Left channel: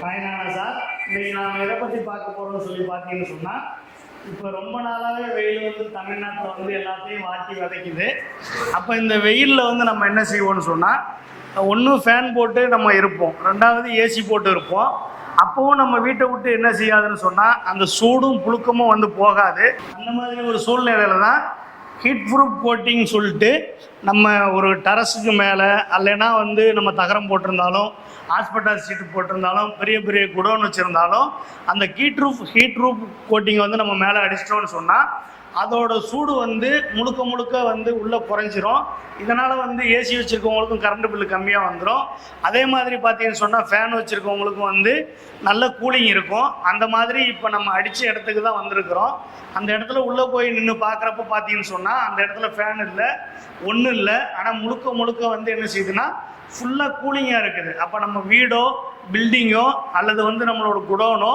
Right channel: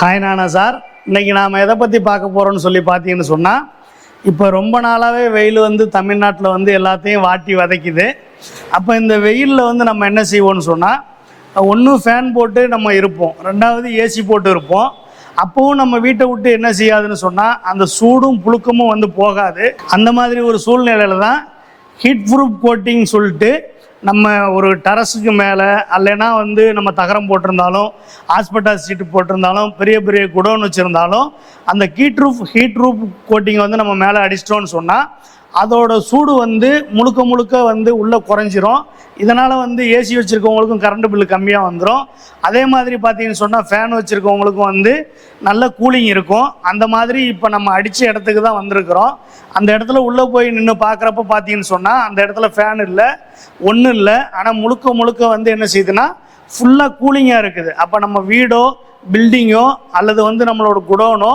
Hi நானா sir இன்னைக்கு நாம் எதை பற்றி பார்க்க போகிறோம்னு சொல்லி பார்த்தீங்கன்னு சொன்னால் இப்போ ரொம்ப நாளாகவே வெயில் வந்து தமிழ்நாட்டில் வந்து எல்லாத்தையும் வாட்டி வதைக்குது. அப்போ இந்த வெயிலில் வந்து நம்ம என்ன செய்வோம்னு சொன்னால் ஒன்று ஃபேன் போட்டு நம்ம இருப்போம். ரெண்டாவது ஏசி போட்டு இருப்போம். அப்பவும் நம்ம வீட்டை விட்டு என்ன செய்யாதுன்னு சொன்னால் அந்த சூடும் புழுக்கமும் வந்து போகாது. அந்த மாதிரி ஒரு சூழ்நிலையில தான் ஹீட் ப்ரூஃப் கோட்டிங் சொல்லிட்டு நம்ம ஒரு டெரஸுக்கு மேலே அல்லைன்னா வந்து நம்ம தகரம் போட்டிருந்தாலும் ஹாஸ்பிட்டல் சீட்டு போட்டிருந்தாலும் பெரிய பெரிய குடோன் வச்சுருந்தாலும் அந்த heat roof heat roof coating வந்து நம்ம மேலே அடிச்சிட்டோம்னு சொன்னால் அதோட சூடு வந்து முழுக்க முழுக்க வந்து உள்ளே குறைஞ்சிரும். இதனால் வந்து ஏசி வச்சுருக்கவங்களுக்கும் கரண்ட் பில்லு கம்மியாக வந்துடும் அதே மாதிரி பார்த்தீங்கன்னு சொன்னால் ஃபேன் வச்சுருக்கவங்களுக்கும் வந்து நல்ல கூலிங் இருக்கும். அந்த மாதிரி இப்போ நம்ம அடித்த இடத்துக்கு தான் வந்திருக்கிறோம். அந்த இடத்துல உள்ளே போய் நின்று பார்க்குறப்ப பார்த்தீங்கன்னு சொன்னால் அந்த இடத்துல ஃபேன் இல்லை ஒன்றும் இல்லை. ஆனால் முழுக்க முழுக்க வந்து என்ன செய்யுதுன்னா ஃபுல்லாக கூலிங்காக இருக்குது. அப்போ நம்ம வீடோ பில்டிங்கோ அல்லது வந்து நம்மளோட குடோனோ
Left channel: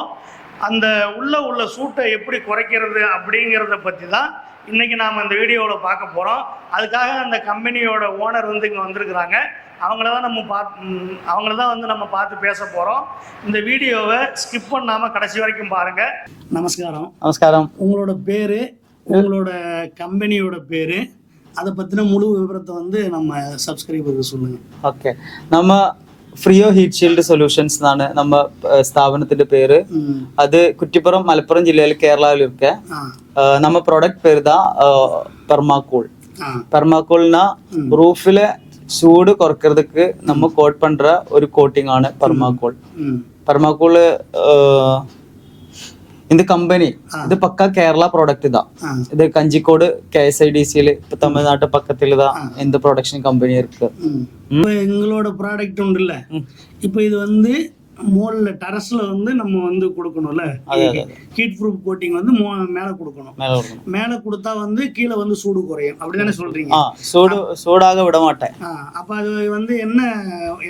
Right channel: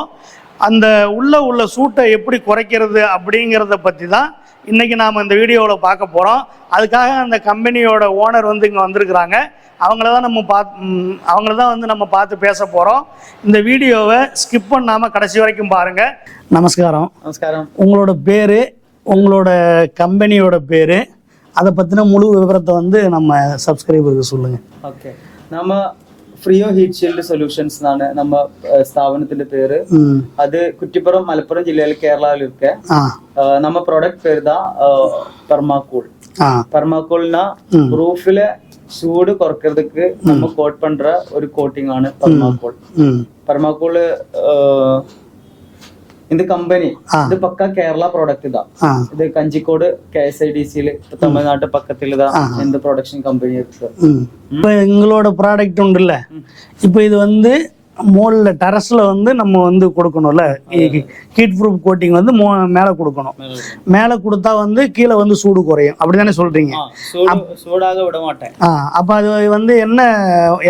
அந்த உள்ளே உள்ள சூட்டை எப்படி குறைக்கிறது அப்படிங்கிறத பற்றி தான் இன்றைக்கி நாம் இந்த வீடியோவில் பார்க்க போகிறோம் அதுக்காக அந்த கம்பெனியோட ஓனர் வந்து இங்கே வந்திருக்கிறாங்க. அவங்கள தான் நம்ம பாத் அவங்கள தான் வந்து நம்ம பார்த்து பேச போகிறோம் இந்த வீடியோவை ஸ்கிப் பண்ணாமல் கடைசி வரைக்கும் பாருங்கள் நமஸ்காரம். நமஸ்காரம். உங்களோட பேர் உங்களோட கம்பெனியோட பேர் அதை பற்றின முழு விவரத்தை வந்து நம்ம சப்ஸ்கிரைபருக்கு சொல்லுங்கள் ஓகே. நம்ம ഫ്രീയോ ഹീറ്റ് ഷീൽഡ് സൊല്യൂഷൻസ് എന്നാണ് നമ്മ സ്ഥാപനത്തിന്റെ പേര്. അത് കുറ്റിപ്പുറം മലപ്പുറം ജില്ലയിൽ കേരളയിലൊക്കെ നമ്മ പ്രൊഡക്റ്റ് പേരുതാ പെർമാക്കൂൾ പെർമാക്കൂളിന റൂഫിലെ ചൂട് കുറയ്ക്കുന്നതുക്ക് നമ്മ കോട്ട് പണ്ട ഒരു കോട്ടിംഗ് ആണ് പെർമാക്കൂൾ പെർമാക്കൂൾ பெர்மாக்கூல் இந்த கம்பெனி இது பக்கா கேரளா ப்ராடக்ட் தான் ஆ இது கஞ்சிக்கோடு கேஎஸ்ஐடிசியில் இப்போ தமிழ்நாட்டு பக்கத்தில் தான் இந்த ப்ரொடக்ஷன் கம்பெனி இருக்கு ம் இப்போ எங்களோட ப்ராடக்ட் உண்டுல்ல இப்போ இது வந்து மோல்ல டெரஸ்ல வந்து நம்ம வந்து கொடுக்கணும்ல ஹீட் ப்ரூஃப் கோட்டிங் வந்து மேலே கொடுக்கணும் மேல கொடுத்தா வந்து கீழே வந்து சூடு குறையும் அப்படிதானே சொல்றீங்க. சூடு சூடாக விட மாட்டேன் அப்போ அது வந்து என்ன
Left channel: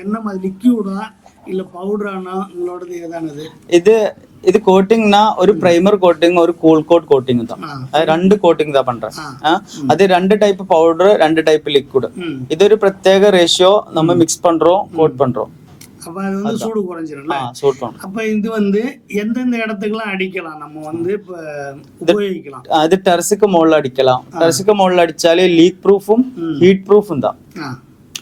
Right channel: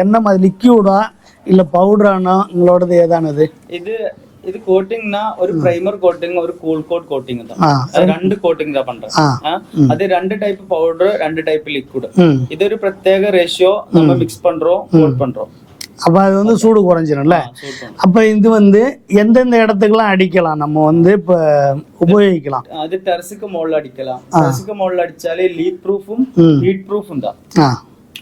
என்ன மாதிரி லிக்யூடா இல்லை பவுடரானா உங்களோடது ஏதானது ഇത് இது கோட்டிங்னா ஒரு பிரைமர் கோட்டிங் ஒரு கூல் கோட் கோட்டிங் தான் அது രണ്ട് കോട്ടിംഗ് ഇതാ പണ്ട. അത് രണ്ട് ടൈപ്പ് പൗഡർ രണ്ട് ടൈപ്പ് ലിക്വിഡ് ഇതൊരു പ്രത്യേക റേഷ്യോ നമ്മൾ മിക്സ് പண்றோம் கோட் பண்றோம் அப்ப அது வந்து சூடு குறைஞ்சிரும்ல அப்ப இது வந்து எந்தெந்த இடத்துக்குலாம் அடிக்கலாம் நம்ம வந்து இப்ப உபயோகிக்கலாம் அது டெரஸுக்கு முകളിல் அடிக்கலாம் டெரஸுக்கு முകളിல் அடிச்சாலே லீக் ப்ரூஃபும் ஹீட் ப்ரூஃபும் தான்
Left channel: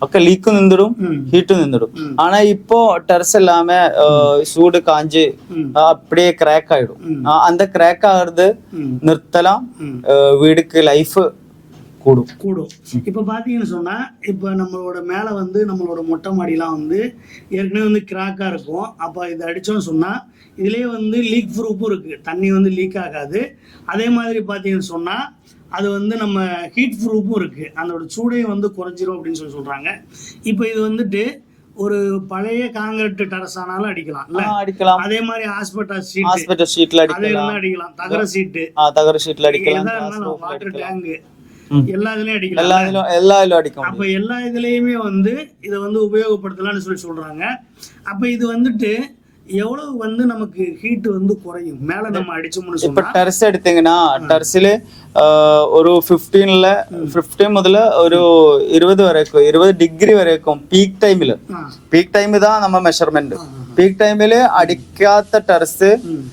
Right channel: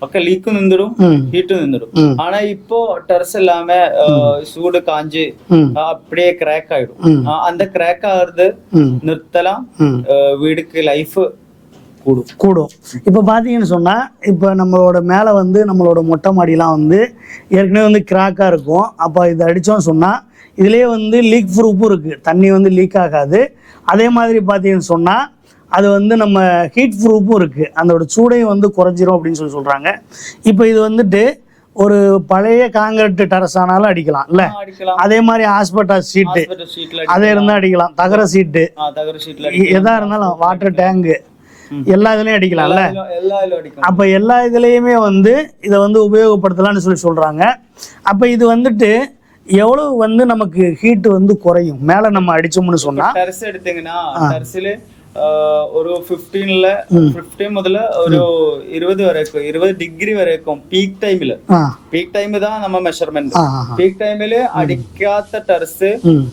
ഒക്കെ ലീക്ക് നിന്നിടും ம் ஹீட்டு நின்றுடும் ம். ஆனா இப்போ டெரஸ் இல்லாம அஹ், சூடு காஞ்சு ம் அஹ், அப்படியே கிராக் ஆயிடும் ம். அஹ், அந்த கிராக் ஆகுறது ம் நிறுத்தலாம் ம் அஹ், வீடுக்கு லைஃப் கூடும் கூடும் இப்போ பார்த்தீங்கன்னு சொன்னால் இப்போ நம்மளோட மேலே வந்து நம்மளோட மொட்டை மாடிலாம் வந்து ஏற்கனவே வந்து கிராக்காக இருக்கும் அப்போ இதை அடித்தோம்னு சொன்னால் இதுலேயே வந்து லீக் ப்ரூஃபும் இருக்குது தண்ணி வந்து லீக் ஆகாது அதே மாதிரி பார்த்தீங்கன்னு சொன்னால் அது வந்து நம்ம ஹீட் ப்ரூஃபும் இருக்குது அதோட சூடையும் வந்து குறைஞ்சிரும் அப்படின்னு சொல்லி சொல்கிறாங்க இப்போ இது வந்துட்டு ஒரு பழைய காங்கிரீட் டெரஸ் ஆனாலும் அடிக்கலாம் இல்ல? அடிக்கலாம். அதே மாதிரி ஹாஸ்பிட்டல் ஹாஸ்பிட்டல் ஷீட்ல அதே இருந்தால் அடிக்கலாம். தகர சீட்டு தகர அடிக்கலாம். எதா இருந்தாலும் வாட்டர் டேங்கு. எல்லா இதுலயும் அடிக்கலாம்ல எல்லா இதுலயும்- அடிக்கும் அப்ப எல்லா இதுலயுமே வந்து இதை வந்து உபயோகப்படுத்தலாம்னு சொல்லி சொல்றாங்க. அப்ப இது வந்துட்டு எவ்வளவு வந்து நமக்கு ஹீட் வந்து குறையும் மேல நம்ம அடிச்சோம்னு இப்ப சொன்னா ടെറസ് എടുത്തെങ്കിനാ ടെറസില് ഒരു ഫിഫ്റ്റീനില് ഫിഫ്റ്റീൻ മുതൽ ഒരു ഇരുപത് വരേക്കും ഇരുപത് ഡിഗ്രി വരേക്കും പീക്ക് ടൈമില് ஆ പീക്ക് ടൈം ഇതാ നമ്മ മെഷർമെന്റ് ஆ ஆ. പീക്ക് ടൈമില് അടിക്കാത്ത ടെറസ് ம்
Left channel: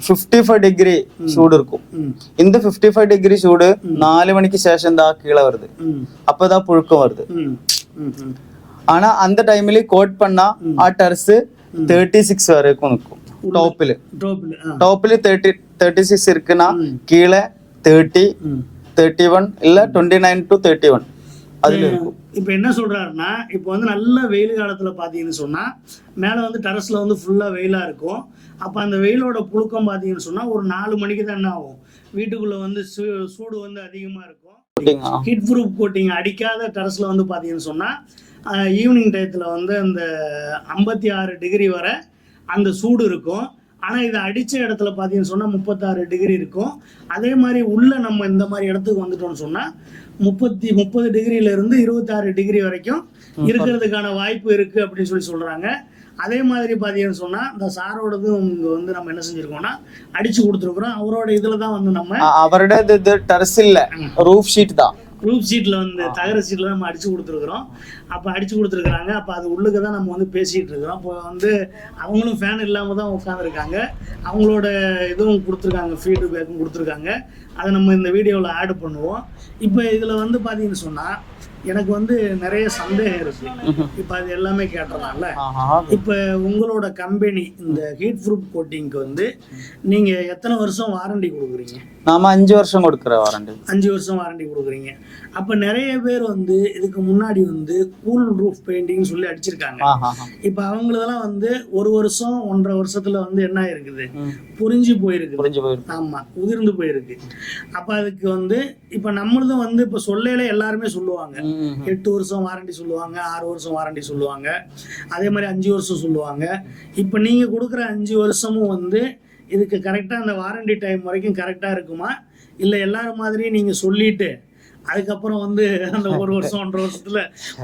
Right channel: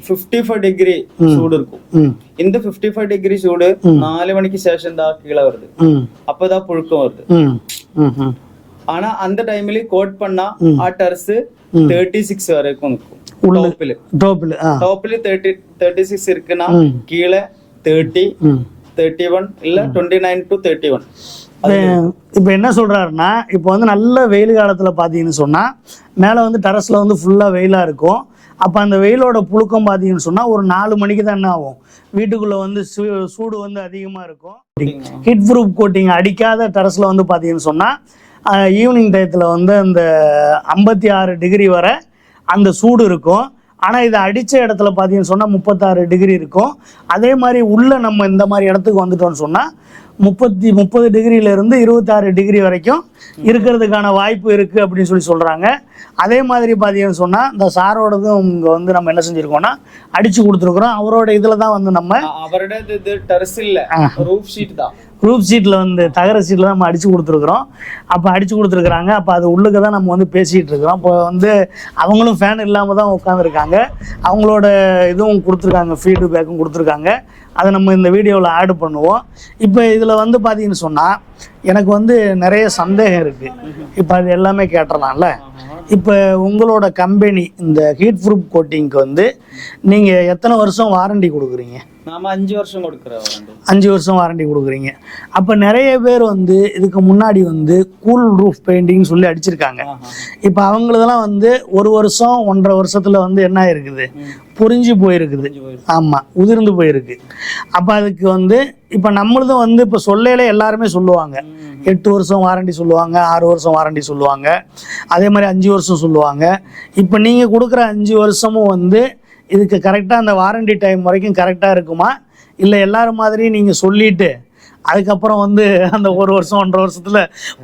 ഫിഫ്റ്റി ഫൈവ് ഡിഗ്രി ചൂട് இருக்கும் ம் இந்த ஃபிஃப்டி ஃபைவ் டிகிரி சூடு நாலு மணிக்கு சேஷம் தான் கீழே வருது ம் அப்பதான் புழுக்கம் வருது ம் ம் ம் ஆனா அந்த டைம்ல கோட் பண்ணா ஆ டர்ஸ் தேர்ட்டி சிக்ஸ் வரைக்கும் இருக்கும். டாப்ல டாப்ல டாப்ல தேர்ட்டி தேர்ட்டி சிக்ஸ் இருக்குன்னா கீழே தேர்ட்டி தேர்ட்டி ஒன் இல்ல twenty nine to thirty one இப்போ என்ன சொல்கிறாருன்னா இப்போ வந்து நல்ல வெயில் காலத்தில் பார்த்தீங்கன்னு சொன்னால் மேலே வந்து டெரஸில் வந்து ஃபுல்லாக வெயிலாக இருக்கும். அப்போ அந்த வெயிலோட புழுக்கம் பார்த்தீங்கன்னு சொன்னால் ஒரு நாலு மணிக்கு தான் என்ன ஆகும்? வீட்டுக்குள்ளே வந்து சூடு வந்து அதிகமாக இருக்கும். ஹிட் ப்ரூஃப் கோட்டிங் அடிக்காத டெரஸில் வந்து பார்த்தீங்கன்னு சொன்னால் ஈவினிங் டயத்தில் வந்து அந்த ஐம்பத்தி ஆறு டிகிரி வரை அந்த சூடு இருக்கும். ஆனால் இதை அடித்த இடத்துல பார்த்தீங்கன்னு சொன்னால் முப்பத்தாறு டிகிரி இருக்கும். அதே மாதிரி உள்ளே நம்ம இந்த மாதிரி இடத்துக்கு வந்துட்டோம்னு சொன்னால் முப்பத்தி முப்பது டிகிரியிலேருந்து இருபத்தாறு டிகிரி வரைக்கும் இருக்கிறதுக்கான வாய்ப்பு இருக்குது அப்படின்னு சொல்லி சொல்கிறாங்க அதே மாதிரி பார்த்தீங்கன்னு சொன்னால் இந்த சாரோடதும் இங்கே வந்து நம்ம என்ன செஞ்சுருக்கோம்னா அடித்து கொடுத்துருக்குறோம். அவரோட இதில் தான் வந்து நம்ம அவரோட இது டர்ஸ் இல்லை. ரூஃப் ஷீட் தான். குரூப் சீட்டில் வந்து தகர சீட்டில் நம்ம அடித்து கொடுத்துருக்குறோம். அப்போ அடித்து கொடுத்துருக்குறாங்க. அப்போ அது உள்ளுக்க தான் நம்ம வந்து பேசிகிட்டு இருக்கிறோம். இப்போ வந்து அவங்களும் ஃபேன் இல்லாமல் தான் உட்காந்துருக்காங்க அவங்களோட இதுவும் கொடுத்துருக்காங்க. ஃபீட்பேக்கும் கொடுத்துருக்காங்க. அதை நம்ம இந்த வீடியோவில் ஆட் பண்ணுவோம். இப்போ இதில் வந்து பார்த்தீங்கன்னு சொன்னால் எனக்கு வந்து நிறைய சந்தேகம் இருக்குது இப்போ அது எல்லாமே கேட்டுறலாம்ல. ஆஹா. இப்போ உங்களோட கம்பெனி இந்த ஹீட் ப்ரூஃப் கோட்டிங்க்கு வந்து நீங்கள் எத்தனை வருஷம் வாரண்டி கொடுக்குறீங்க? நாம அஞ்சு வருஷம் கொடுக்குற வாரண்டி அஞ்சு வருஷம் வாரண்டி கொடுக்குறீங்க. அப்போ நிறைய பேர் வந்து இதுக்கு முன்னாடி வந்து கூல் ரூஃப் பெயிண்டிங்னு சொல்லி அடிச்சிருக்காங்க. இப்போ அவங்களதெல்லாம் வந்து ஒரு வருஷம் ஒன்றரை வருஷத்துல வந்து என்ன இருக்குது புரிஞ்சு போயிருக்குது புரிஞ்சு போயிருக்கு. ஆமாம் உதிர்ந்து போயிருக்கு. அப்போ அதுக்கு வந்து இப்போ நம்மளதும் வந்து இப்போ சொல்லையில எல்லாருமே சொல்லுவாங்க. எட்டு வருஷம் வாரண்டி சொல்லுவாங்க ஆறு வருஷம் வாரண்டி சொல்லுவாங்க. அதே மாதிரி அஞ்சு வருஷம் சொல்லுவாங்க. இப்போ நீங்கள் கொடுக்குற அஞ்சு வருஷமும் வந்து இதுக்கு கரெக்டாக அந்த வாரண்டி டைம் வரைக்கும் கரெக்டாக இருக்குமா? இல்லை எல்லாரும் மாதிரி நீங்கள் சொல்லிட்டு அதுக்கப்புறம் வந்து அந்த ஒரு வருஷம் ஒன்றரை வருஷத்துல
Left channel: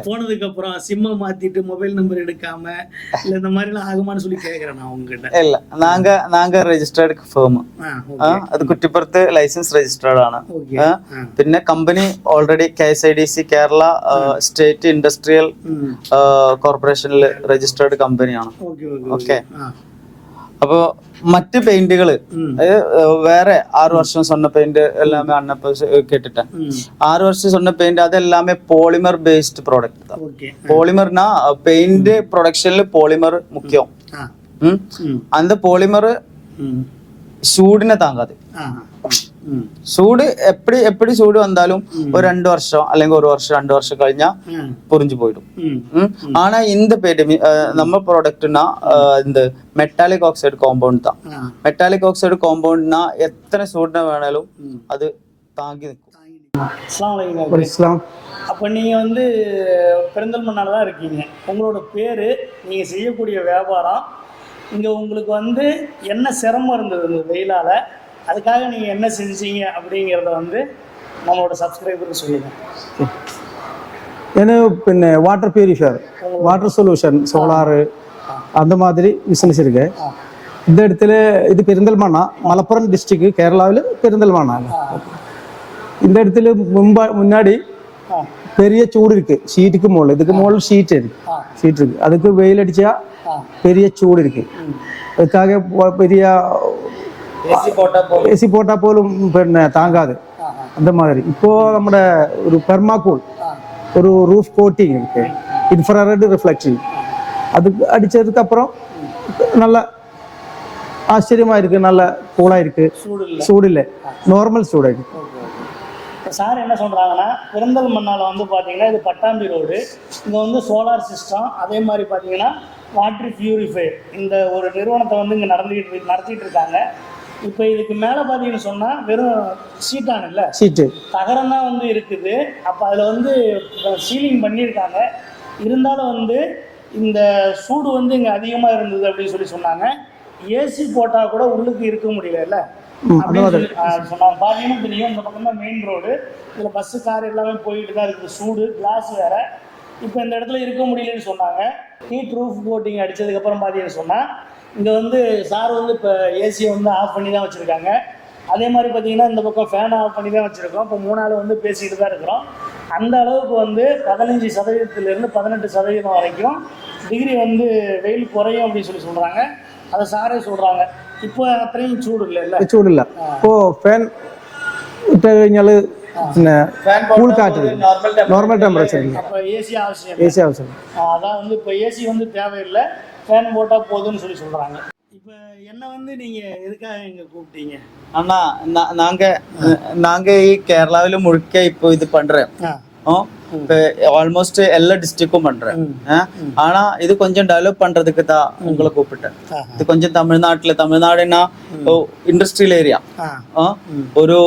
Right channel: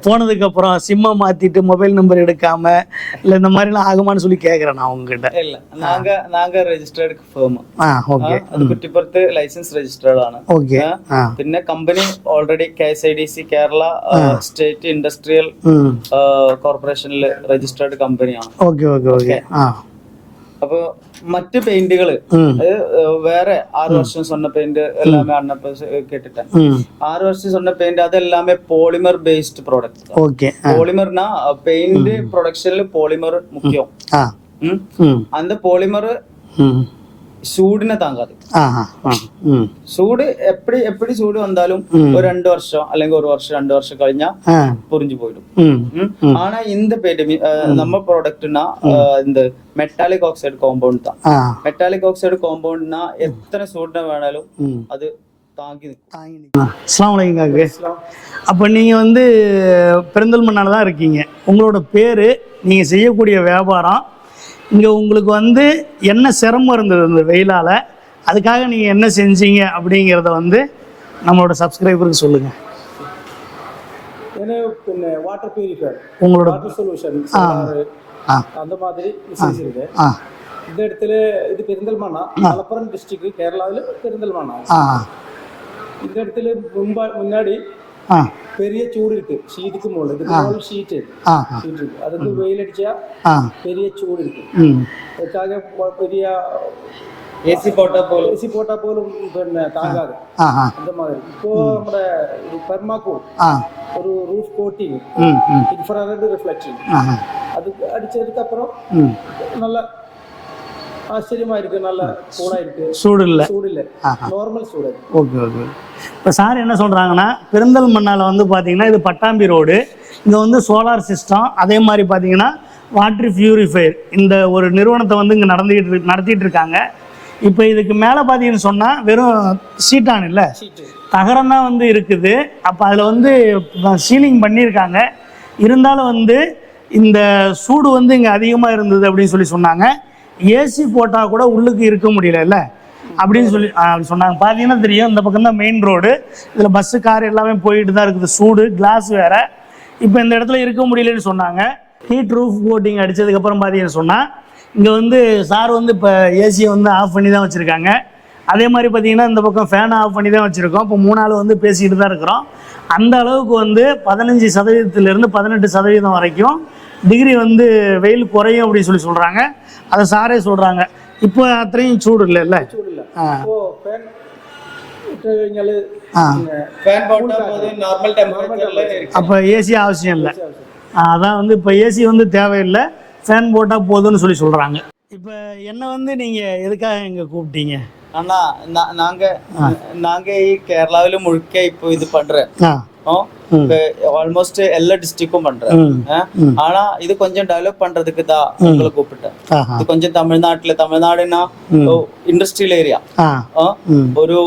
போனதுக்கு அப்புறம் சிம்மை மாத்திட்டு மொபைல் நம்பர் எடுக்காம இல்லை இந்த மாதிரிலாம் ஆகுமான்னு சொல்லி கேட்குறேன் நான் உங்ககிட்ட ഇല്ല നാങ്ക നാങ്ക രജിസ്റ്റേർഡ് ഫേം ஆ ഓക്കെ അത് കുറ്റിപ്പുറത്ത് ലൈസൻസ് രജിസ്റ്റേർഡ് ആണ് ഓക്കെ ആ. ആ പിന്നെ company already K S I D C Kerala state industrial ഉം. കോർപ്പറേഷനിൽ രജിസ്റ്റേർഡ് കമ്പനിയാണ് ഓക്കെ ഓക്കെ ഓക്കെ ആ അപ്പൊ മറ്റ് പെയിന്റുകൾ വേറെ ആറു വർഷം സ്വർണ പെയിന്റ് എല്ലാമേ അണ്ണപ്പ കേട്ടിട്ട്. ആറു വർഷം സ്വർണ പെയിന്റ് അതെല്ലാമേ പോളിമർ ബേസ്ഡ് പ്രോഡക്റ്റ് പോളിമർനാ പെയിന്റ് പ്രൊഡക്ഷനിൽ പോളിമർ മുഖ്യം. അന്ത പോളിമർ ചൂടിനെ താങ്ങാതെ ചൂട് എപ്പടി എപ്പടി ചൂട് വന്നാലും ഒരു രണ്ടു വർഷം അല്ലെങ്കിൽ ഒരു വർഷം രണ്ടു വർഷം കഴിഞ്ഞാ പൊറിഞ്ചു പോയിടും ആണാ ഇന്ത് പേര് നമ്മ പ്രോഡക്റ്റിനാ എന്ത് മെറ്റാലിക് ഓക്സൈഡ് കോമ്പൗണ്ട് താ മെറ്റാലിക് ഓക്സൈഡ് കോമ്പൗണ്ടിനാ എത്ര ചൂടിനെ വേണാലും അത് இஸ்லாம் அப்போ நீங்கள் வந்து பெருந்தல்மண்ணால் தான் இருக்கீங்க உங்களோட பேர் நீங்கள் செய்யக்கூடிய வியாபாரம் இங்கே உங்களுக்கு வந்து என்ன சிரமம் இருந்தது இந்த வெயிலால்? அதுக்காக நீங்கள் என்ன செஞ்சீங்க அப்படிங்கிறத வந்து நம்மளோட சப்ஸ்கிரைபருக்கு சொல்லுங்கள் ஏன்னா பின்ன வாட்டர் பியூரிஃபையர் உங்களோட வாட்டர் சொல்யூஷன் சோலாரு அந்த மாதிரி பிசினஸ் இருக்கு இந்த இடத்துல இது பெருந்தல்மானா மலப்புரம் டிஸ்ட்ரிக்ட் கேரளாவில் பெருந்தல்மானா. இந்த இடத்துல முன்பா முன்னாடி பெரிய சூடு இருக்கு ஷீட்டுக்கு முകളിல் இதுக்கு முകളിல் ஷீட் இருக்கு ஷீட் இருக்கு அதுக்கு வெயில் அடிச்சா பெரிய சூடு இருக்கு அதுக்காக பெரிய ഏസി പോട്ടാ പോലും. പിന്നെ താങ്കാതെ അതെ മാതിരി ഇപ്പോ നമ്മുടെ ഒരു പെർമാക്കോൾ ഒരു റൂഫ് കോട്ടിങ് ഇൻഫ്രാറെഡ് റിഫ്ലക്ഷൻ അത് അടിച്ചതുക്ക് അപ്പുറം നല്ല ആശ്ചര്യമായിരിക്കും. നല്ല കൂളായിരിക്കും ചൂടില്ല ചൂടില്ല നോർമൽ ചൂടായിരിക്കും ഓക്കെ ഓക്കെ. இப்போ சார் என்ன சொல்கிறாங்கன்னா பெருந்தல் மண்ணால் வந்து பார்த்தீங்கன்னா இது பட்டாம்பி ரோடு. இங்கே வந்து சோலார் சிஸ்டம் அதே மாதிரி பார்த்தீங்கன்னா வாட்டர் பியூரிஃபையர் இந்த ஒரு நிறுவனத்தை வந்து இங்கே நடந்துக்கிட்டு நடத்திட்டு இருக்காங்க. இப்போ இதுக்கு மேலே பார்த்தீங்கன்னு சொன்னால் வெறும் சீட்டான் இல்லை? ஷீட்டு தகரம் தான் வந்து இருக்குது. அப்போ அதில் வந்து சீலிங் பண்ணியிருக்காங்க. இருந்தாலும் வந்து இந்த சூடு வந்து இங்கே அதிகமாக இருந்தது அப்படின்னு சொல்லி சொன்னாங்க. ஏசி போட்டால் கூட உள்ளுக்கு இருக்க முடியலல்ல அப்படின்னு சொல்லி சொன்னாங்க. பார்த்தீங்கன்னா தெரியும் இந்த பக்கம் தான் மெயின் ரோடு இதில் பஸ்ஸு கார் எல்லாமே போயிட்டு தான் இருக்குது. சூடு கிளாஸ் வேற. இப்போ இந்த இடத்துல இருக்க முடியலன்னு சொன்னாங்க. ஹீட் ரூஃப் கோட்டிங் அடிச்சதுக்கப்புறம் பார்த்தீங்கன்னு சொன்னால் இங்கே வந்து சார் வந்து இப்போ ஏசியை வந்து ஆஃப் பண்ணி தான் வச்சுருக்காங்க. அதே மாதிரி பார்த்தீங்கன்னா இந்த பக்கம் ஃபேனை ஆஃப் பண்ணி தான் வச்சுருக்கோம். இப்போ மூணு நாள் வந்து பேசிக்கிட்டு தான் இருக்கிறோம். அந்த அளவுக்கு வந்து பதினஞ்சு சதவீதத்திலிருந்து பதினெட்டு சதவீதம் வரைக்கும் டிகிரி வந்து வெயில் குறையும் அப்படின்னு சொல்லி சொல்கிறாங்க அதை சாரே சொல்கிறாங்க ഇപ്പോൾ അത്രയും சூடு അല്ലേ? ചൂടില്ല. ഇപ്പോൾ ഫാൻ ഇട്ട് കഴിഞ്ഞാൽ പിന്നെ കൂൾ காற்று നോർമൽ ടെമ്പറേച്ചർ அப்போ ஏசி அவசியம் ஏசி அவசியம் அதான் வந்து இப்போ ஏசி வந்து தேவையில்லை ஃபேன் போட்டால் போதும்னு சொல்லி சொல்கிறாங்க இப்போ என்ன வந்து நீங்கள் எதுக்காக இங்கே கூப்பிட்டீங்க அண்ணா நாங்கள் நாங்கள் கேரளாவில் முழுக்க இப்போ இது பண்ணுறேன் ஆல்மோஸ்ட் எல்லா டிஸ்ட்ரிக்டும் பண்றேன் ஆனா இது கொஞ்சம் டெவலப் பண்றதுக்கு தான் உங்களை கூப்பிட்டேன் இது கொஞ்சம் தமிழ்நாட்டுல தமிழ்நாடுன்னா இண்டஸ்ட்ரியல் ஏரியா ஒரு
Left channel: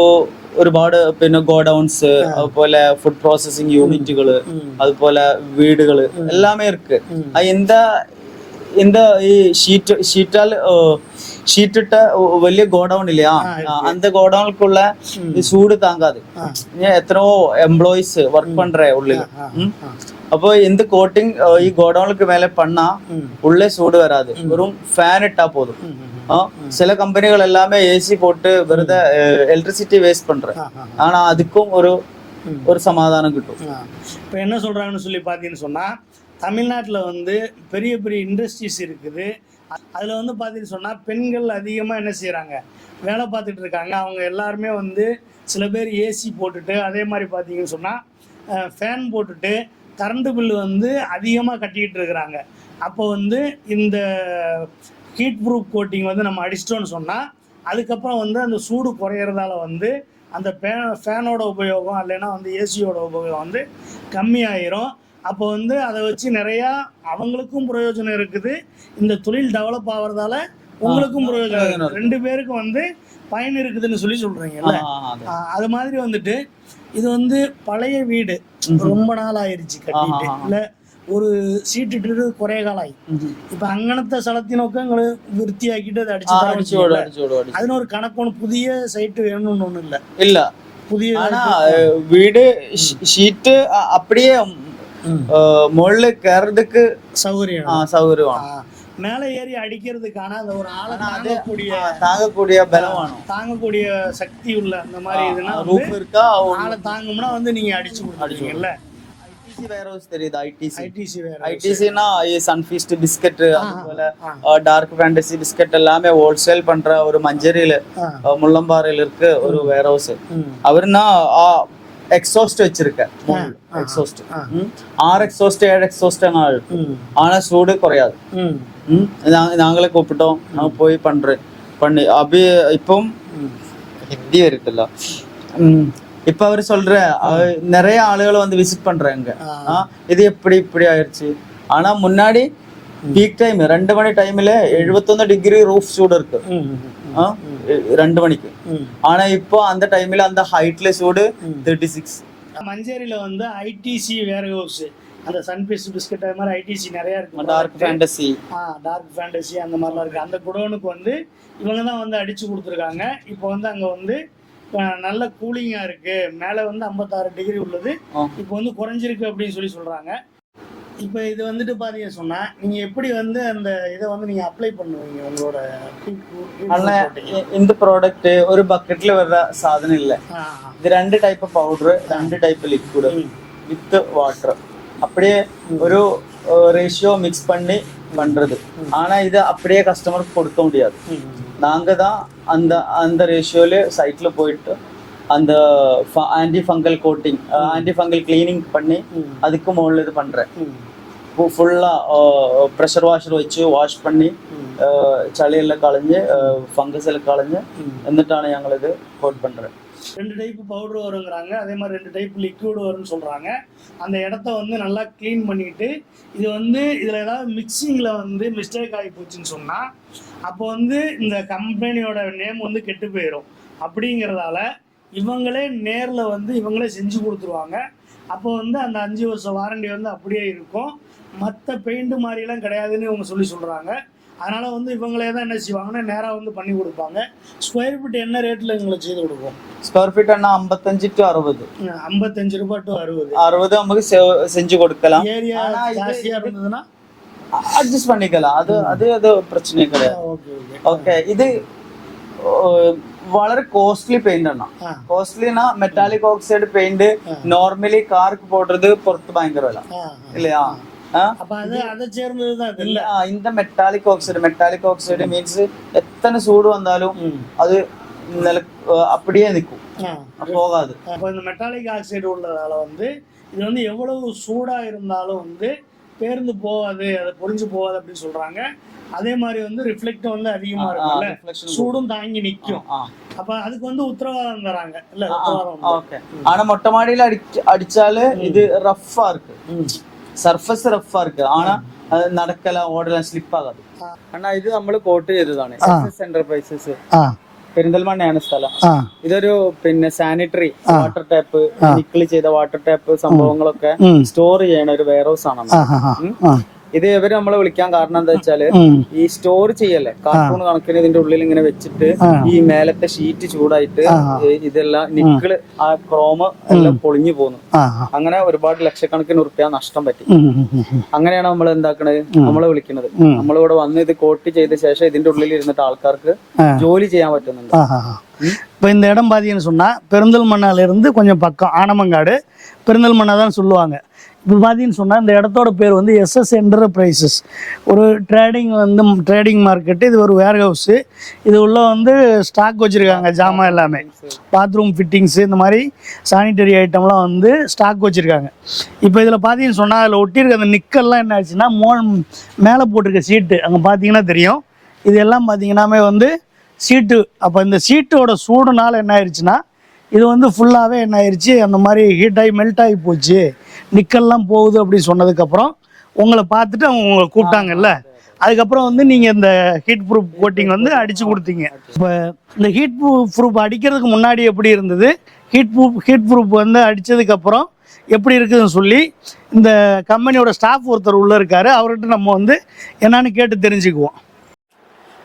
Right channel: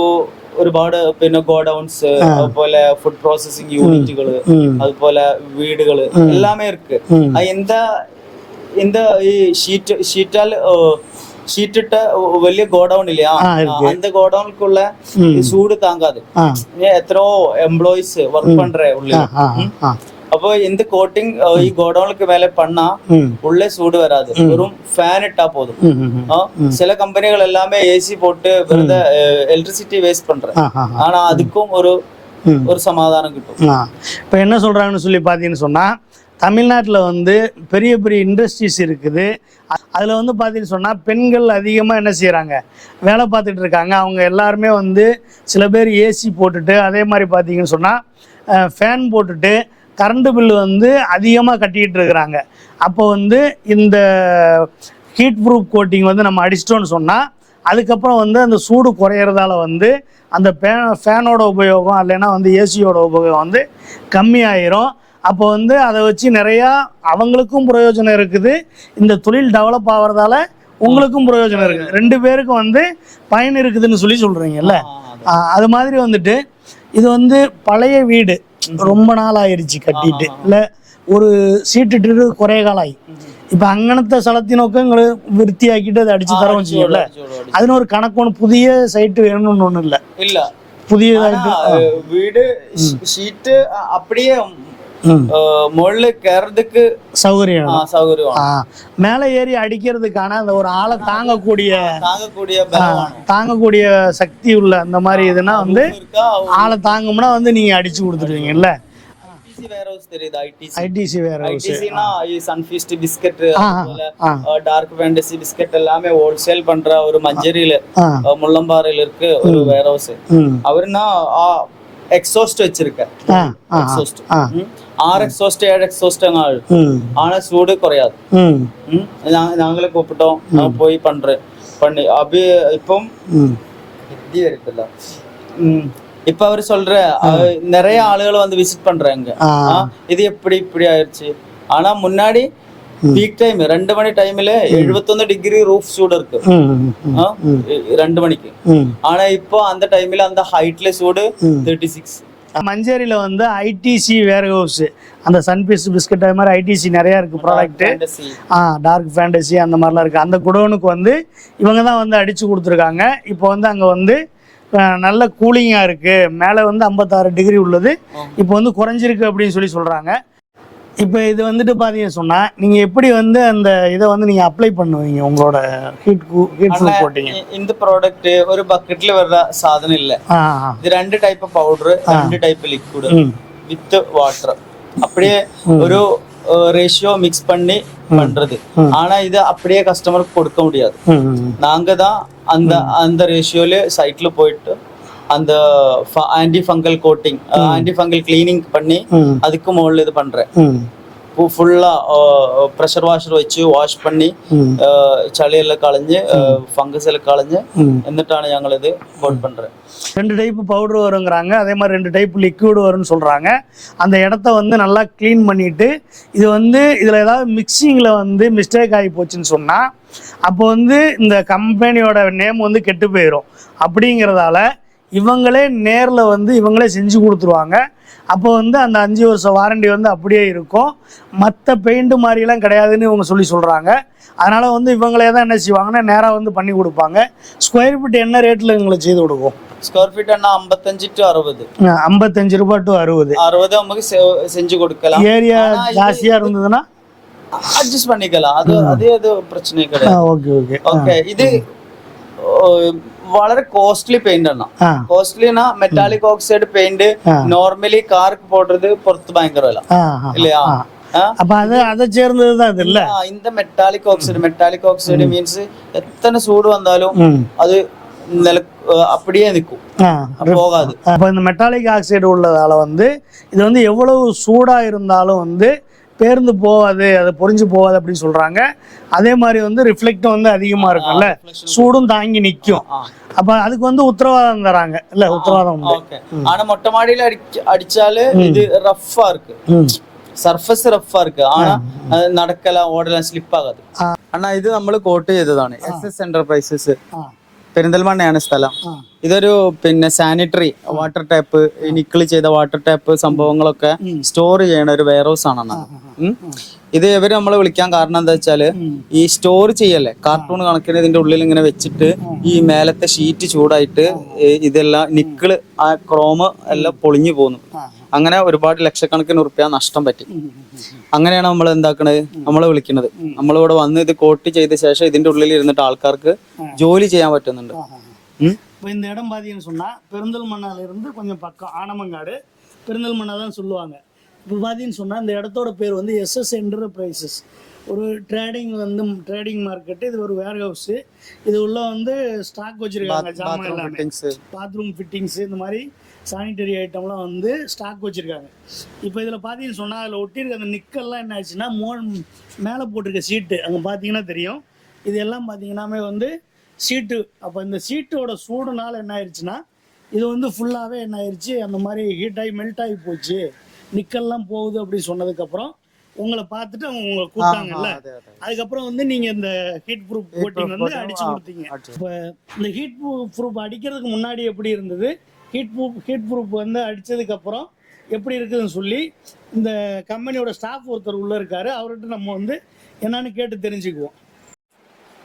ഒരുപാട് പിന്നെ ഗോഡൌൺസ് അതുപോലെ ഫുഡ് പ്രോസസിംഗ് യൂണിറ്റുകൾ അതുപോലെ വീടുകൾ എല്ലാമേ ഇருக்கு എന്താ എന്താ ഈ ഷീറ്റ് ഷീറ്റാൽ ഷീറ്റിട്ട വലിയ ഗോഡൌൺ ഇല്ലേ അന്ത ഗോഡൌണിലേക്കുള്ള ചൂട് താങ്കാതെ എത്രയോ എംപ്ലോയീസ് വർക്ക് പണ്ടേ ഉള്ളിൽ അപ്പൊ എന്ത് കോട്ടിങ് ഈ ഗോഡൌണിലേക്ക് മേലെ പണ്ണാ ഉള്ളേ ചൂട് വരാതെ വെറും ഫാൻ ഇട്ടാ പോതും ചില കമ്പനികൾ എല്ലാമേ എ സി പോട്ട് വെറുതെ എലക്ട്രിസിറ്റി വേസ്റ്റ് പണ്ടേ ஆனா அதுக்கும் ஒரு ஒரு சமாதானம் கிட்டும் இப்போ என்ன சொல்றாங்கன்னு சொல்லி பார்த்தீங்கன்னு சொன்னா தமிழ்நாட்டில் வந்து பெரிய பெரிய இண்டஸ்ட்ரீஸ் இருக்குது அதில் வந்து பார்த்தீங்கன்னு சொன்னால் பெண்கள் அதிகமாக என்ன செய்கிறாங்க வேலை பார்த்துட்டு இருக்காங்க. அவங்க எல்லாருமே வந்து சில பேர் ஏசி போட்டுட்டு அதே மாதிரி பார்த்தீங்கன்னு சொன்னால் ஃபேன் போட்டுட்டு கரண்ட் பில்லு வந்து அதிகமாக கட்டிக்கிட்டு இருக்கிறாங்க. அப்போ வந்து இந்த ஹீட் ப்ரூஃப் கோட்டிங் வந்து நம்ம அடிச்சிட்டோம்னு சொன்னால் அதுக்கப்புறம் வந்து அந்த சூடு குறையிறதால வந்து அந்த ஃபே ஃபேனோட உபயோகம் இல்லைன்னா வந்து ஏசியோட உபயோகம் வந்து கம்மியாயிரும். அப்போ வந்து அதை வச்சு நிறையா அவங்களுக்கும் பிரயோஜனம் இருக்குது. இந்த தொழில் டெவலப் ஆகிறதால உங்களுக்கும் பிரயோஜனம் இருக்குது. ரெண்டு பேருக்கும் வந்து பயன் இருக்குதுன்னு சொல்லி சொல்றீங்கல்ல? அது மாதிரி வந்துட்டு இது வந்து பழைய வீடு. ரொம்ப நாள் ஆயிருச்சு கட்டிட்டு இல்லை ஒரு சீட்டுட்டு குறைய காலாய். இப்ப அங்கனத்தை சலத்தி நோக்கம் விருத்தி ஆக்கிட்டு அதை அடிச்சு தர வச்சுக்கல அதுன்னு ஒரு கணக்கு ஒன்று புதிய சைட்டு வேணும்னு ஒண்ணு இல்ல. இல்ல. புதிய வீடு ஷீட்டு அப்படியே മുകളിൽ கறதுக்கு சௌகரியம். சௌகரியம். മേലെ ஏறி அடிக்கிறதுக்கான அந்த ஒரு ஆளை தாங்கக்கூடிய தாங்கக்கூடிய தாங்கக்கூடிய சக்தி உள்ள அந்த மாதிரி இதுனா வந்து ஆளை தாங்கும்னா வந்து நீங்க அடிச்சு கொடுத்துருவீங்கல்ல? பிஸ்கட் டார்க் ஃபேண்டசி பிஸ்கட் எல்லாமே ஹோல்சேல் பண்ற ஒரு மஞ்சரியில முள்ளம்பாறையில இருக்கு ஒரு வேர் ஹவுஸ் அவருன்னா ஆள் ம் ஆனா சூடு குறையாது. ம். ம், நாங்க- நாங்களே கூப்பிட்டோம். நான் போய் பண்றேன். பண்ணி அபி இப்பம் ம். ஹிந்தி வருதுல்ல ம், இப்ப அவர் சொல்ற நிறைய ஆளுகளை வந்து விசிட் பண்றாங்க. இது எப்படி இப்படி ஆயிடுச்சு ஆனா முன்னாடி பீக் டைம் ரெண்டு மணி டைம்ல எழுபத்தொன்னு டிகிரி ரூஃப் சூடு எ- ரெண்டு மணிக்கு. ஆனா இப்போ அந்த டைம்ல அந்த ஹைட்ல சூடு தேர்ட்டி சிக்ஸ் மஞ்சேரியில வந்து ஐடிசி வேர் ஹவுஸ். அந்த சன்பீஸ் பிஸ்கட் அது மாதிரி ஐடிசி நிறைய இருக்கு ப்ராடக்ட் ஃபேண்டசி ஆ டார்க் ஃபேண்டசி அந்த மாதிரிலாம் இருக்குது அந்த குடோனுக்கு வந்து இவங்க தான் வந்து அடித்து கொடுத்துருக்காங்க. இப்போ வந்து அங்கே வந்து நல்ல கூலிங்காக இருக்குது மேலே வந்து ஐம்பத்தாறு டிகிரி உள்ளது. இப்போ வந்து குறைஞ்சிருக்கு அப்படின்னு சொல்லி சொல்கிறாங்க இப்போ இது வந்துட்டு பார்த்தீங்கன்னு சொன்னால் நீங்கள் எப்படி வந்து அந்த இதை வந்து நீங்கள் அப்ளை பண்ணுவீங்க உங்களோட ஹீட் ஹீட் போட்டீங்க இந்த ப்ராடக்ட் ஒரு பக்கெட்ல வர்ற சாதனம் இல்ல. இது ரெண்டு டைப் பவுடர் ரெண்டு டைப் லிக்விட் வித் வாட்டர் அப்படியே ஒரு ரேஷியோ மிக்ஸ் பண்ணி பண்றது. ஆனா இது அப்படியே கஸ்டமருக்கு கொடுக்க முடியாது. நாங்க தான் அந்த அந்த ரேஷியோல சைட்ல போயிட்டு அந்த anti fungal coating anti fungal cleaning பண்ணி hmm. அதுக்கு മുകളിൽ இது பண்றேன். ஃபுல்லா ப்ரெஷர் வாஷர் வச்சு வாஷ் பண்ணி ചളിയെല്ലാം കളഞ്ഞ് ഫംഗസ് എല്ലാം കളഞ്ഞ് எங்களை இது கோட் hmm. பண்றேன். ரெண்டு டைப் பவுடர் வருங்கிறாங்க. அதே மாதிரி ரெண்டு டைப் லிக்விட் வரும்னு சொல்கிறாங்க அந்த இடத்த வந்து நல்லா க்ளீன் பண்ணிட்டு இது வந்து இதில் ஏதாவது மிக்சிங்கில் வந்து மிஸ்டேக் ஆகி போச்சுன்னு சொன்னால் அப்போ வந்து இந்த கம்பெனியோட நேம் வந்து கெட்டு போயிடும் அப்படிங்கிறதால இவங்களே நேரில் வந்து இவங்களே செஞ்சு கொடுத்துருவாங்க. அப்போ வந்து அந்த அஞ்சு வருஷம் வாரண்டி வந்து அப்படியே இருக்கும். மற்ற பெயிண்ட்டு மாதிரிலாம் கிடையாதுன்னு இவங்க சொல்லி சொல்கிறாங்க அதனால் வந்து இவங்களே தான் என்ன செய்வாங்கன்னா நேராக வந்து பண்ணி கொடுப்பாங்க. ஸ்கொயர் ஃபீட் என்ன ரேட்டில் எங்களுக்கு செய்து கொடுக்கும்? ஸ்கொயர் ஃபீட் என்ன ஐம்பத்தஞ்சு டு அறுபது. ஐம்பத்தஞ்சு ரூபாய் டு அறுபது. அறுபது நமக்கு செஞ்சு கொடுக்கலாம். ஏரியா ஜாஸ்தியாக இருந்ததுன்னா? அட்ஜஸ்ட் பண்ணிக்கலாம். அது அது பிரச்சனை கிடையாது. Okay okay. ஓகே இது വളരെ കോസ്റ്റ്ലി പെയിന്റ് ആണ് എന്നാ മെറ്റാലിക് ഓക്സൈഡ് പെയിന്റ് നോർമലി കാർക്ക് പോട്ടത് പുറത്ത് ഭയങ്കര വില അപ്പൊ അത് അത് ചേർന്നത് ഇന്ത metallic oxide metallic oxide means എത്ര ചൂട് വന്നാലും അത് നില அப்படியே நிற்கும் போகாது அப்போ இந்த மெட்டாலிக் ஆக்சைடு உள்ளதால வந்து இது வந்து எவ்வளவு சூடாக இருந்தாலும் வந்து பேர்ந்து போகாது அது பொறிஞ்சு போகாது அப்படின்னு சொல்றாங்க அதே மாதிரி வந்து ரிஃப்ளெக்டும் வந்து அதிகமா இருக்கும்ல reflection சூடும் தாங்கி நிக்கும் ആ அப்ப அதுக்கு வந்து உத்தரவாதம் தராங்க இல்ல உத்தரவாதம் உண்டு ഓക്കെ ஆனா மொட்டை மாடியில அடிச்சு அடிச்சாலு இது ரஃப்பா இருக்கு ம் സർഫസ് റഫാ இருக்கு ஆனா அது நடக்கலாம் ஓடலாம் ஸ்லிப் ஆகாது അണ്ണാ ഇത് നമ്മൾ കോട്ട് ചെയ്തതാണ് എസ് എസ് എന്റർപ്രൈസസ് ஆ പെരിന്തൽമണ്ണയാണ് സ്ഥലം. ഇതൊരു പിന്നെ സാനിറ്ററി വാട്ടർ ടാപ്പ് നിക്കിൾ ചെയ്ത വാട്ടർ ടാപ്പ് സംഭവങ്ങളൊക്കെ സ്റ്റോർ ചെയ്യണ ഒരു വെയർ ഹൗസ് ആണ് ഇത് ഇവര് നമ്മളെ വിളിക്കാൻ കാരണം എന്താ വെച്ചാല് ഉം. ഈ സ്റ്റോർ ചെയ്യല്ലേ കാർട്ടൂൺ കണക്കിന് ഇതിന്റെ ഉള്ളിൽ ഇങ്ങനെ വെച്ചിട്ട് ഈ മേലത്തെ ഷീറ്റ് ചൂടായിട്ട് ഈ ഇതെല്ലാം നിക്കിള് ആ ക്രോമ് എല്ലാം പൊളിഞ്ഞു പോന്നു ആ അങ്ങനെ ഒരുപാട് ലക്ഷക്കണക്കിന് ഉറുപ്പ്യ നഷ്ടം പറ്റി ഉം, ഉം, ഉം, ഉം. അങ്ങനെയാണ് നമ്മൾ എന്താക്കണത് നമ്മളെ വിളിക്കുന്നത് നമ്മളിവിടെ വന്ന് ഇത് കോട്ട് ചെയ്ത ശേഷം ഇതിന്റെ ഉള്ളിൽ ഇരുന്നിട്ട് ആൾക്കാർക്ക് ആ. ജോലി ചെയ്യാൻ പറ്റുന്നുണ്ട് ആ ആ ആ இப்போ இந்த இடம் பார்த்தீங்கன்னு சொன்னால் பெருந்தல்மண்ணால இருந்து கொஞ்சம் பக்கம் ஆனமங்காடு பெருந்தல்மண்ணா தான் சொல்லுவாங்க இப்போ பார்த்தீங்கன்னு சொன்னால் இந்த இடத்தோட பேர் வந்து எஸ்எஸ் என்டர்பிரைசஸ் ஒரு ட்ரேடிங் வந்து ட்ரேடிங் மார்க்கெட்டு இது ஒரு வேர் ஹவுஸு இது உள்ள வந்து ஸ்டாக் வச்சுருக்காங்க ஜாமான் எல்லாமே. பாத்ரூம் ஃபிட்டிங்ஸு இந்த மாதிரி சானிட்டரி ஐட்டம்லாம் வந்து ஸ்டாக் வச்சுருக்காங்க. இப்போ இதில் பார்த்தீங்கன்னு சொன்னால் அதில் ஒட்டியிருக்க அந்த நிக்கல்லாம் என்ன ஆச்சுன்னா மோ மேலே போட்டிருக்க சீட்டு அங்கே பார்த்தீங்கன்னா தெரியும். இது எல்லாம் பார்த்தீங்கன்னாமே வந்து சீட்டு அப்போ இந்த சீட்டோட சூடுனால என்ன ஆயிடுச்சுன்னா இது வந்து ஃபுல்லாகவே என்ன ஆயிடுச்சு அந்த மாதிரி ஹீட் ஆகி மெல்ட் ஆகி போச்சு. நிக்கல்லாம் போகுது அப்படின்னு சொன்னதுக்கப்புறம் உங்களை பார்த்துட்டு அவங்க உங்களை கூப்பிட்டாங்கல்ல? அதுக்கப்புறம் வந்து நீங்க இந்த ஹீட் ப்ரூஃப் கோட்டிங் வந்து அடிச்சு கொடுத்தீங்க. இப்போ இந்த ஹீட் ப்ரூஃப் ப்ரூஃப் அடிக்கிறதுக்கு முன்னாடி எப்படி இருந்தது? ஹீட் ப்ரூஃப் ஹீட் ப்ரூஃப் வந்து அடித்ததுக்கப்புறம் எப்படி இருக்குதுன்னு சொல்லி இந்த கம்பெனியோட ஸ்டாஃப் ஒருத்தர் உள்ளே இருக்காரு. அவர்கிட்ட நம்ம வந்து என்னன்னு கேட்டு தெரிஞ்சுக்குவோம்.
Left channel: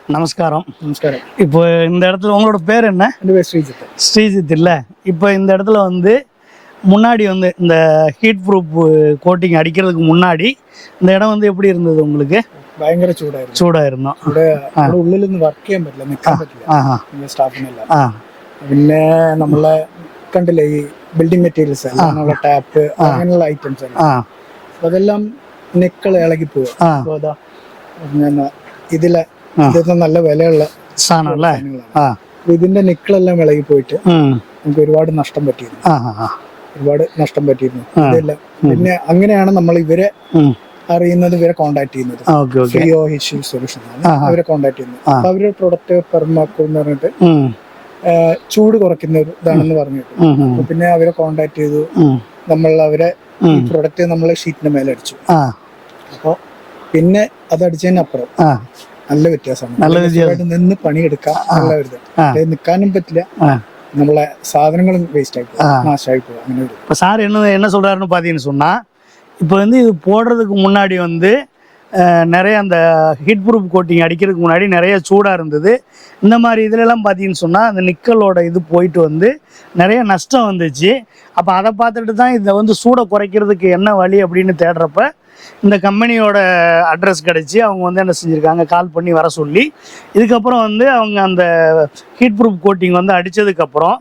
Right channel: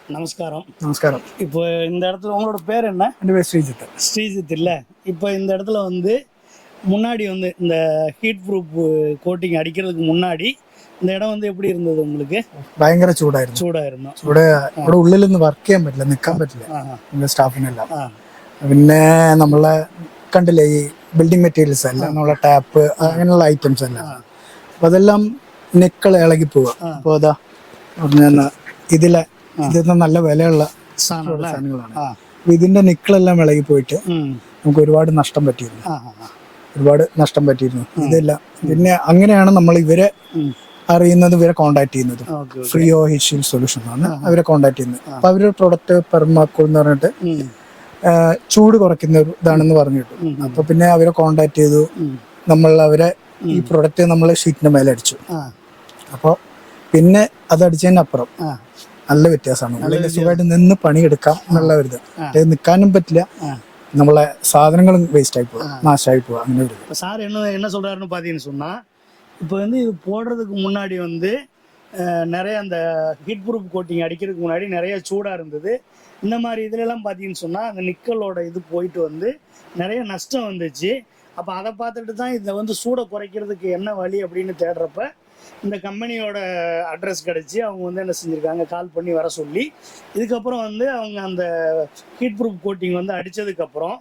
நமஸ்காரம். நமஸ்காரம். இப்போ இந்த இடத்துல உங்களோட பேர் என்ன? ஸ்ரீஜித். ஸ்ரீஜித் இல்லை. இப்போ இந்த இடத்துல வந்து முன்னாடி வந்து இந்த ஹீட் ப்ரூஃப் கோட்டிங் அடிக்கிறதுக்கு முன்னாடி இந்த இடம் வந்து எப்படி இருந்தது உங்களுக்கு ഭയങ്കര ചൂടായിരുന്നു சூடாக இருந்தோம் ഇവിടെ ഇവിടെ ഉള്ളിലൊന്നും വർക്ക് ചെയ്യാൻ പറ്റില്ല നിൽക്കാൻ പറ്റില്ല ஆஹா നമ്മുടെ സ്റ്റാഫിനെല്ലാം ஆ പിന്നെ നമ്മളെ കണ്ടില്ലേ ഈ ബിൽഡിംഗ് മെറ്റീരിയൽസ് എല്ലാം നമ്മളെ ടാപ്പ് അങ്ങനെയുള്ള ഐറ്റംസ് എല്ലാം ஆ അപ്പൊ അതെല്ലാം നെക്കൾ ഇളകി പോവുക ആ. അപ്പൊ അതാ പറഞ്ഞ ഇതിലെ ഇതിന് നല്ല വിലയുള്ള சாணம்ல സാധനങ്ങളാണ് ஆ അപ്പൊ ഇതിന്റെ നിക്കളെല്ലാം ഇളകി പോയിട്ട് ம் നമുക്ക് ഒരുപാട് നഷ്ടം പറ്റിയിരുന്നു ஆ ஆ ഒരുപാട് നഷ്ടം പറ്റിയിരുന്നു. പിന്നെ അങ്ങനെയാണ് നമ്മൾ ഇവരെ അറിയുന്നത് ഇവരെ കോണ്ടാക്ട് ചെയ്യുന്നത്. ഫ്രീ ഓ ഹിഷ്യൽ സൊല്യൂഷൻ ആണ് അവരെ കോണ്ടാക്ട് ചെയ്യുന്നത്. അപ്പൊ അവരുടെ പ്രൊഡക്റ്റ് പെർമാക്കോ എന്ന് പറഞ്ഞിട്ട് ചൂട് കുറയ്ക്കുന്ന ഒരു ഇതാണെന്ന് പറഞ്ഞിട്ട്. അപ്പൊ പിന്നെ അവരെ കോണ്ടാക്ട് ചെയ്തു. നമ്മൾ അവരെ പ്രൊഡക്റ്റ് നമ്മളെ ഷീറ്റിന്റെ മേലെ അടിച്ചു. അപ്പൊ പിന്നെ അത് അടിച്ചതിനപ്പുറം നല്ല വ്യത്യാസമാണ്. നിന്ന് പണിയെടുക്കാം നല്ല പറ്റില്ല. ஆ നമ്മളെ സാധനങ്ങളും വേസ്റ്റ് ആയി പോവാ നാശമായി പോവാ അങ്ങനെ ഒരു இப்போ சார் என்ன என்ன சொல்கிறாருன்னு பார்த்தீங்கன்னு சொன்னால் இப்போ வந்து இது போடுறதுக்கு முன்னாடி வந்து அஹ், நிறைய அந்த ஹீட் ப்ரூஃப் கோட்டிங் அடிக்கிறதுக்கு முன்னாடி நிறைய சூடாக இருந்தது இந்த மாதிரி இதுலலாம் பார்த்தீங்கன்னு சொன்னால் அந்த நிக்கலோட இது போயிட்டு வந்து நிறைய நஷ்டம் வந்துச்சு அப்போ அதை பார்த்துட்டு தான் இதை வந்து சூடை குறைக்கிறதுக்கு என்ன வழி அப்படின்னு தேடுறப்ப இந்த கம்பெனியோட அட்ரஸ் கிடச்சி அவங்க வந்து என்ன செஞ்சுருக்காங்க கால் பண்ணி வர சொல்லி இதுக்கப்புறம் வந்து அவங்க அந்த ஹீட் ப்ரூஃப் கோட்டிங் வந்து அடித்ததுக்கப்புறம்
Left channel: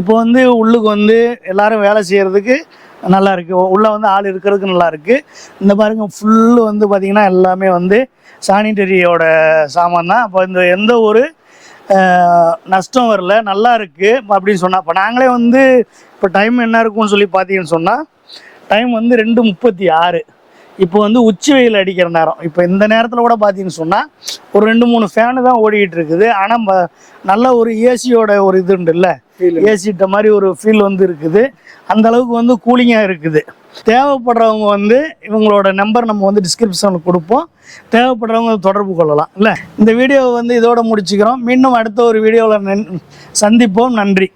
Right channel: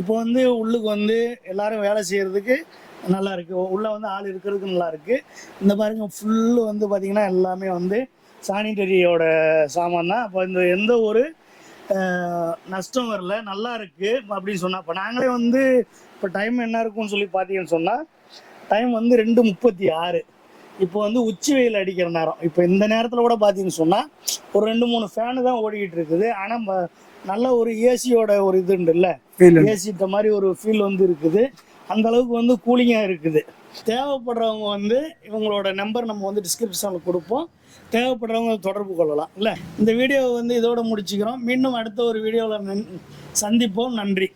இப்போ வந்து உள்ளுக்கு வந்து எல்லாரும் வேலை செய்கிறதுக்கு நல்லா இருக்கு. உள்ளே வந்து ஆள் இருக்கிறதுக்கு நல்லா இருக்கு. இந்த பாருங்க ஃபுல்லு வந்து பார்த்தீங்கன்னா எல்லாமே வந்து சானிட்டரியோட சாமான் தான். அப்போ இந்த எந்த ஒரு நஷ்டம் வரல நல்லா இருக்கு அப்படின்னு சொன்னால் இப்போ நாங்களே வந்து இப்போ டைம் என்ன இருக்கும்னு சொல்லி பார்த்தீங்கன்னு சொன்னால் டைம் வந்து ரெண்டு முப்பத்தி ஆறு. இப்போ வந்து உச்சி வெயில் அடிக்கிற நேரம். இப்போ இந்த நேரத்தில் கூட பார்த்தீங்கன்னு சொன்னால் ஒரு ரெண்டு மூணு ஃபேனு தான் ஓடிக்கிட்டு இருக்குது. ஆனால் நல்ல ஒரு ஏசியோட ஒரு இது உண்டுல்ல? ஏசிட்ட மாதிரி ஒரு ஃபீல் வந்து இருக்குது. அந்த அளவுக்கு வந்து கூலிங்காக இருக்குது. தேவைப்படுறவங்க வந்து இவங்களோட நம்பர் நம்ம வந்து டிஸ்கிரிப்ஷனில் கொடுப்போம். தேவைப்படுறவங்க தொடர்பு கொள்ளலாம் இல்லை? இந்த வீடியோவை வந்து இதோட முடிச்சுக்கிறோம். மீண்டும் அடுத்த ஒரு வீடியோவில் சந்திப்போம். நன்றி.